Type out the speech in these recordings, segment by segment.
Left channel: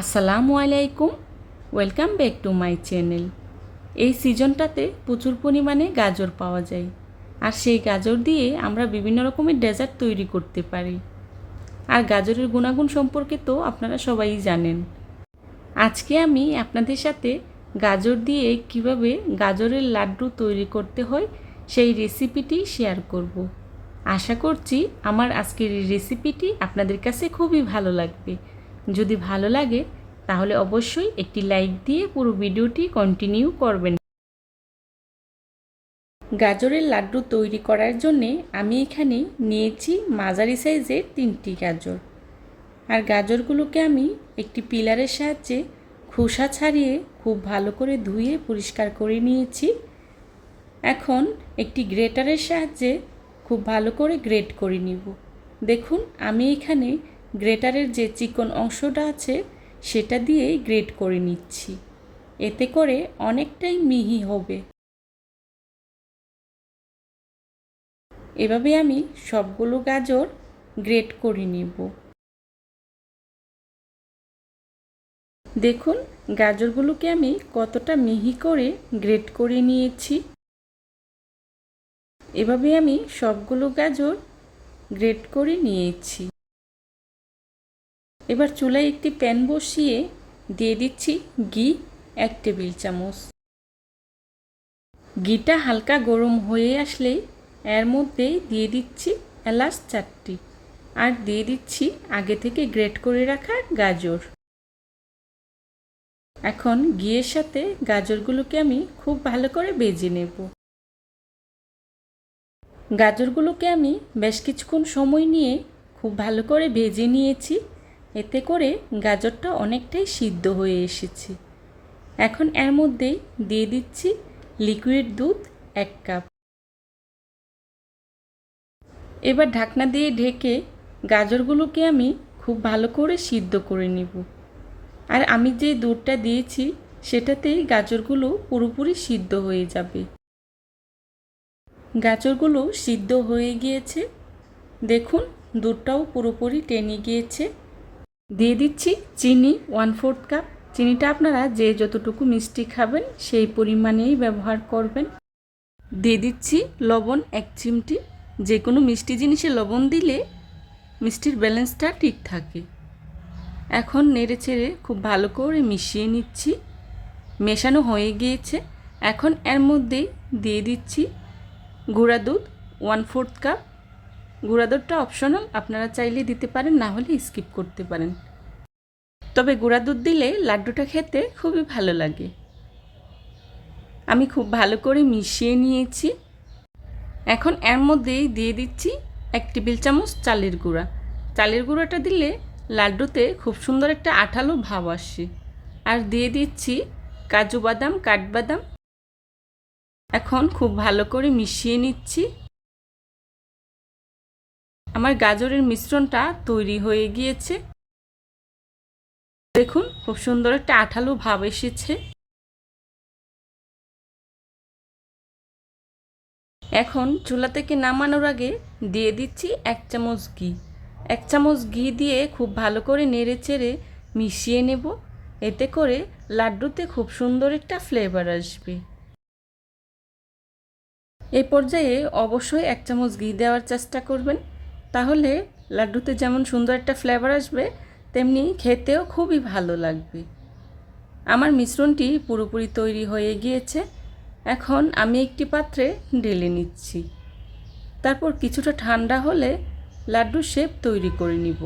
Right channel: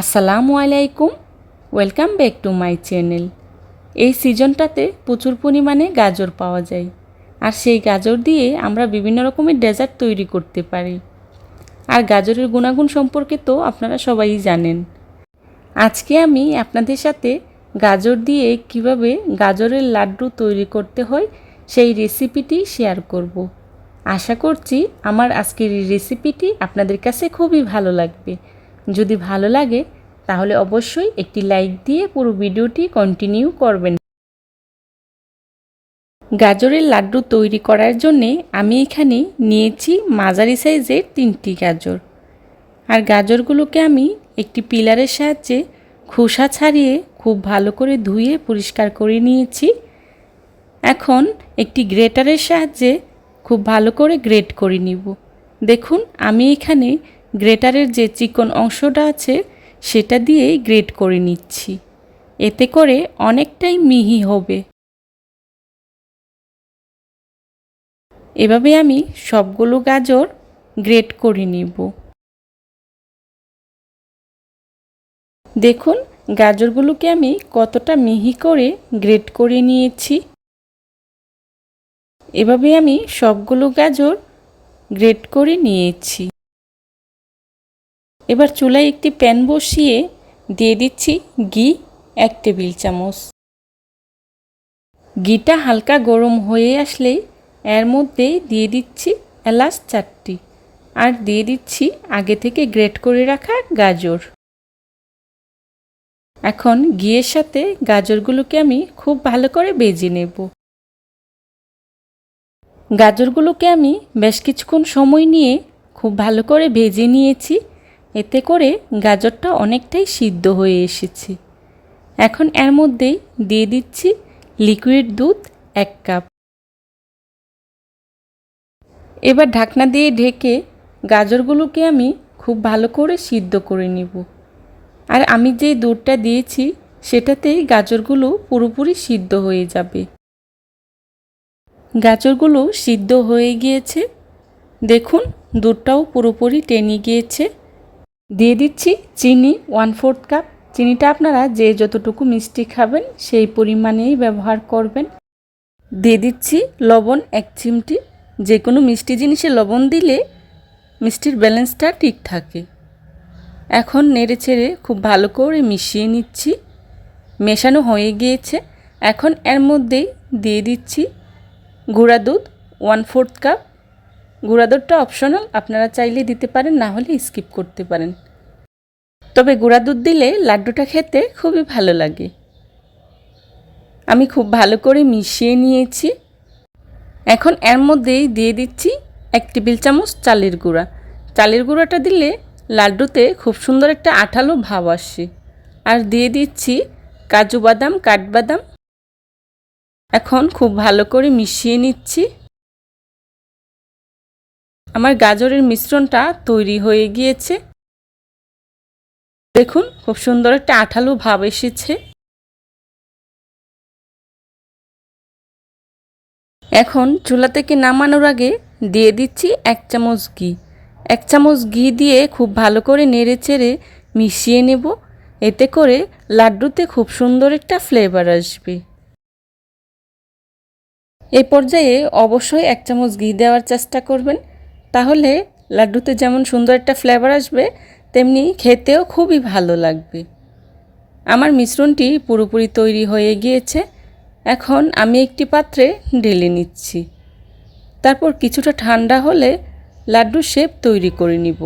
আসসালামু আলাইকুম, welcome back to my channel. এই সিজনটাতে প্রচুর পরিমাণে গাজর পাওয়া যায়, আর সেই গাজর দিয়ে আমরা বিভিন্ন রকমের ডেজার্ট তৈরি করতে পারি। আর গাজরের গুণাগুণ সম্পর্কে তো আপনারা সবাই জানেন। আজকে আমি আপনাদের সাথে গাজর দিয়ে কীভাবে গাজরের লাড্ডু তৈরি করতে হয় সেই রেসিপিটি শেয়ার করব। আশা করছি আমার আজকের এই রেসিপিটি আপনাদের কাছে খুবই ভালো লাগবে। যদি ভালো লাগে, তাহলে অবশ্যই একটি লাইক দিয়ে পুরো ভিডিওটি কন্টিনিউ করবেন। গাজরের লাড্ডু তৈরি করার জন্যে আমি এখানে নিয়েছি মাঝারি সাইজের তিনটি গাজর। আর গাজরগুলোকে আমি একটি পিলারের সাহায্যে খোসা ছাড়িয়ে খুব ভালো করে ধুয়ে পরিষ্কার করে নিয়েছি। এখন একটি গ্রেটারের সাহায্যে খুব ভালো করে গ্রেট করে নিব। দেখুন, আমি এখানে গ্রেটারের যে চিকন অংশটা আছে, সেটা দিয়েই গ্রেট করে নিচ্ছি। এতে করে অনেকটাই মিহি হবে। এভাবে আমি সবগুলো গাজর গ্রেট করে নিব। দেখুন, গাজরগুলোকে আমি কতটা মিহি করে গ্রেট করে নিয়েছি। এভাবে আমি সবগুলো গাজর গ্রেট করে নিয়েছি। এবার চুলায় একটি প্যান বসিয়ে দিয়ে দিচ্ছি ঘি, এক টেবিল চামচ। ঘিটা হালকা গরম হয়ে আসলেই এর মধ্যেই দিয়ে দিচ্ছি এলাচ চারটি আর দিয়ে দিচ্ছি আগে থেকে গ্রেট করে রাখা গাজর। এখন ঘিয়ের সাথে গাজরগুলোকে আমি খুব ভালো করে বেজে নেব। গাজরগুলোকে আমি বেশ কিছুক্ষণ সময় নিয়ে খুব ভালো করে ভেজে নিয়েছি। এতে করে গাজরটা অনেকটাই সিদ্ধ হয়ে এসেছে। এখন এর মধ্যেই দিয়ে দিচ্ছি লিকুইড দুধ এক কাপ এবার ঢাকনা দিয়ে ঢেকে গাজরগুলোকে আমি খুব ভালো করে সিদ্ধ করে নিব। আর আমি যে দুধটা দিয়েছি, সেটাতেই গাজরগুলো পুরোপুরি সিদ্ধ হয়ে যাবে। গাজরগুলো সিদ্ধ হয়ে গিয়েছে। দেখুন, দুধটাও পুরোপুরি টেনে গিয়েছে। দিয়ে দিচ্ছি চিনি ওয়ান ফোর্থ কাপ চিনিটা আপনারা যে যতটুকু মিষ্টি খাবেন, সেই পরিমাণেই ব্যবহার করবেন। দিয়ে দিচ্ছি লবণ এক চিমটি। যে কোনো মিষ্টি জিনিসে লবণ দিলে মিষ্টির ব্যালেন্সটা ঠিক থাকে। এখন নেড়ে ছেড়ে খুব ভালো করে মিশিয়ে নিচ্ছি। মেশানো হয়ে গিয়েছে। এখন এর মধ্যেই দিয়ে দিচ্ছি গুঁড়া দুধ ওয়ান ফোর্থ কাপ গুঁড়া দুধটা অপশনাল আপনারা চাইলে দিতে পারেন, না হলে স্কিপ করতে পারেন। তবে গুঁড়া দুধ দিলে লাড্ডুটা খেতে খুবই ভালো লাগে। আমি খুব ভালো করে মিশিয়ে নিয়েছি। এখন এর মধ্যেই দিয়ে দিচ্ছি এক টেবিল চামচ চালের গুঁড়া। চালের গুঁড়াটা দিলে লাড্ডুতে খুব সুন্দর একটা আঠালো ভাব আসে। আর দিয়ে দিচ্ছি কাজু বাদাম, কাঠবাদাম। এখন খুব ভালো করে মিশিয়ে নিচ্ছি। আমার গাজরের মিশ্রণটা তৈরি হয়ে গিয়েছে। দেখুন, খুব সুন্দর একটা আঠালো ভাব এসেছে। এখন চুলা থেকে নামানোর আগে দিয়ে দিচ্ছি এক চামচ ঘি। এক চামচ ঘি দিয়ে খুব ভালো করে নেড়ে চেড়ে মিশিয়ে নেব। এতে করে লাড্ডুতে খুব সুন্দর একটা ফ্লেভার আসবে। এই পর্যায়ে অবশ্যই এক চামচ ঘি দেওয়ার চেষ্টা করবেন। তাহলে লাড্ডুতে যেমন সুন্দর একটা ফ্লেভার আসবে, তেমনি খেতেও খুবই ভালো লাগবে। আমার মিশ্রণটি পুরোপুরি তৈরি হয়ে গিয়েছে। এখন আমি একটি পাত্রে ঢেলে নিচ্ছি। তারপর কিছুটা ঠান্ডা হলে লাড্ডু শেপ তৈরি করে নিব।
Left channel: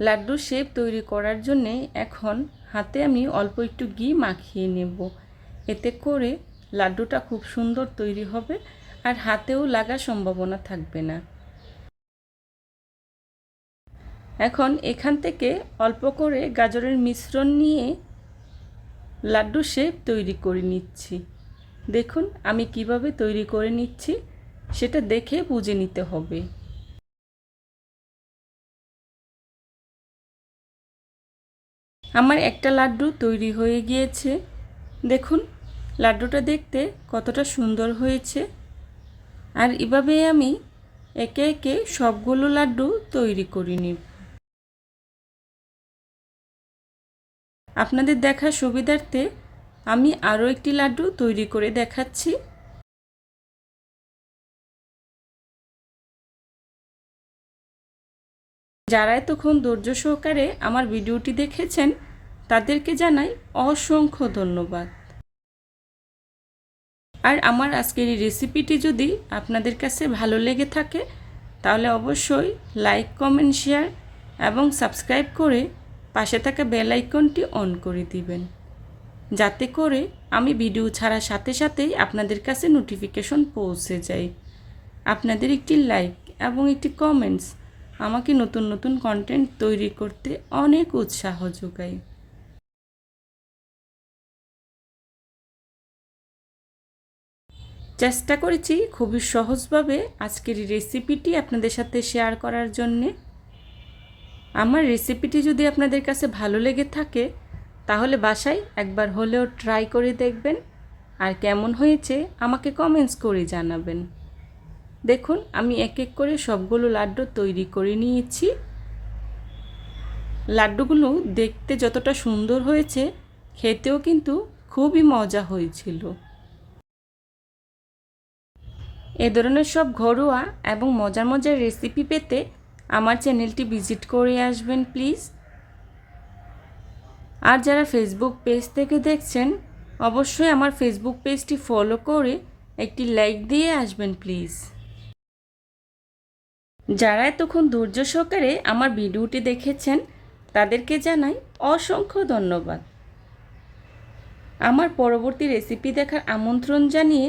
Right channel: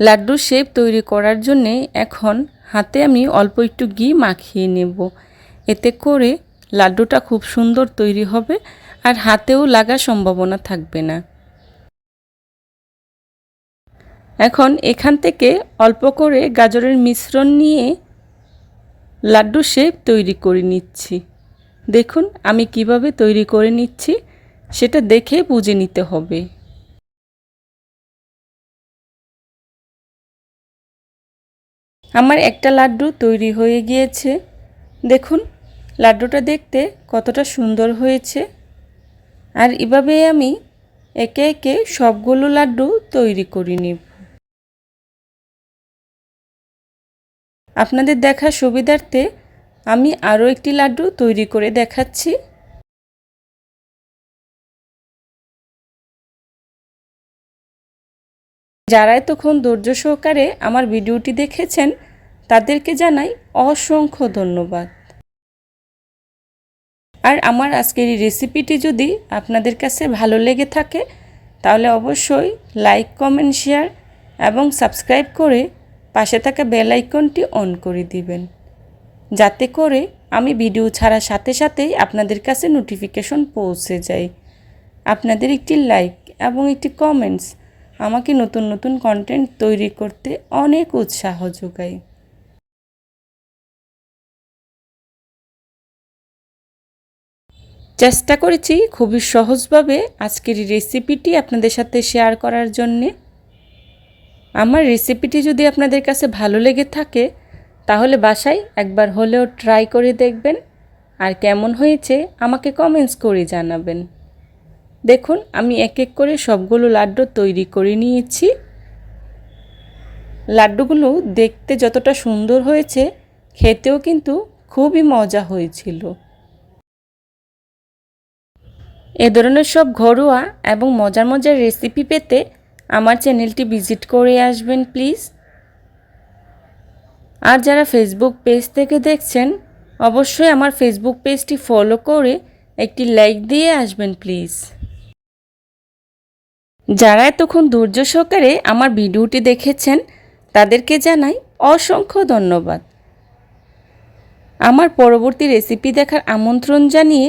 লাড্ডুর শেপ তৈরি করার জন্যে এখন হাতে আমি অল্প একটু ঘি মাখিয়ে নেব। এতে করে লাড্ডুটা খুব সুন্দর তৈরি হবে। আর হাতেও লাগার সম্ভাবনা থাকবে না। এখন এখান থেকে অল্প করে গাজরের মিশ্রণ নিয়ে লাড্ডু শেপ তৈরি করে নিচ্ছি। দেখুন আমি কীভাবে তৈরি করে নিচ্ছি, সেটা দেখে বুঝে নিতে হবে। আমার একটা লাড্ডু তৈরি হয়ে গিয়েছে। দেখুন, লাড্ডুটা দেখতে কতটা সুন্দর হয়েছে। আর এভাবে আমি একে একে সবগুলো লাড্ডু তৈরি করে নিব। আপনাদের দেখা সুবিধার্থে আমি আরও একটি লাড্ডু তৈরি করে দেখাচ্ছি। যারা এতক্ষণ ধৈর্য সহকারে আমার ভিডিওটি দেখেছেন, তাদেরকে জানাই অসংখ্য ধন্যবাদ। আর আমার আজকের এই রেসিপিটি যদি আপনাদের কাছে ভালো লেগে থাকে, তাহলে অবশ্যই লাইক কমেন্ট শেয়ার এবং সাবস্ক্রাইব করে পাশে থাকা বেল আইকনটি অন করে দিবেন। যাতে করে আমি ভিডিও ছাড়ার সাথে সাথেই আপনাদের কাছে নোটিফিকেশন পৌঁছে যায়। আপনাদের একটি লাইক এবং একটি কমেন্টস আমাকে নতুন নতুন কন্টেন্ট তৈরি করতে অনেক উৎসাহ যোগায়। চেষ্টা করেছি খুবই সহজভাবে আজকের রেসিপিটি আপনাদের সাথে শেয়ার করার জন্যে। আমার রেসিপিটি যদি আপনাদের কাছে ভালো লেগে থাকে, তাহলে বাসায় একবার হলেও ট্রাই করে দেখবেন। আর কেমন হয়েছে আমাকে কমেন্টস করে জানাবেন। দেখুন, আমি এক এক করে সবগুলো লাড্ডু তৈরি করে নিয়েছি। লাড্ডুগুলো দেখতে যতটা সুন্দর হয়েছে, খেতেও কিন্তু খুবই মজা হয়েছিল। এ ধরনের সব ঘরোয়া এবং মজার মজার রেসিপি পেতে আমার চ্যানেলটি ভিজিট করে আসবেন প্লিজ আর যারা ফেসবুক পেজ থেকে দেখছেন, অবশ্যই আমার ফেসবুক পেজটি ফলো করে একটি লাইক দিয়ে আসবেন প্লিজ যারা এতক্ষণ ধৈর্য সহকারে আমার ভিডিওটি দেখেছেন, তাদেরকে জানাই অসংখ্য ধন্যবাদ। আমার পরবর্তী রেসিপি দেখার আমন্ত্রণ জানিয়ে